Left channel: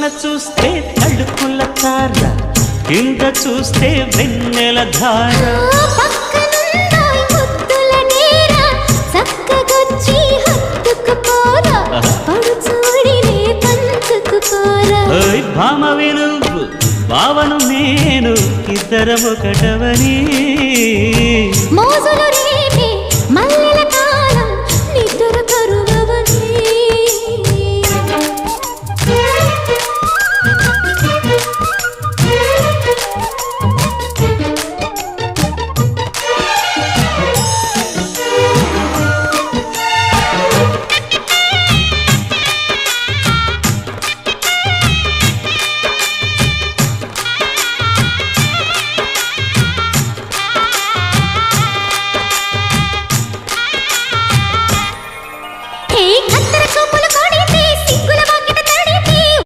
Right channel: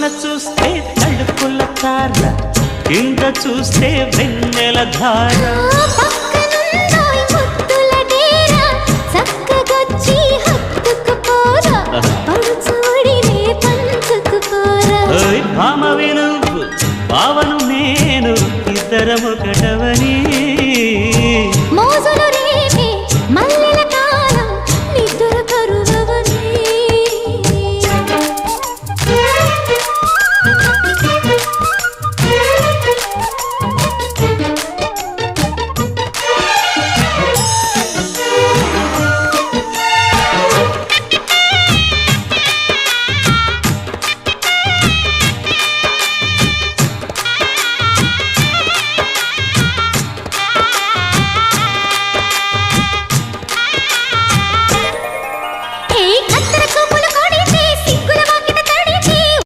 పైన చూస్తే తడుకుల తార, కింద చూస్తే వెన్నెల ధార. పక్కనుందోయ్ ముద్దుల డేరా, చక్కగొచ్చి హత్తుకుపోరా, పడుచూడినే పంచుకుపోరా. ఓయ్ భామవి నువ్వు, భావను నేను, ఇద్దరమొకటవని మోజులు రేపే మల్ల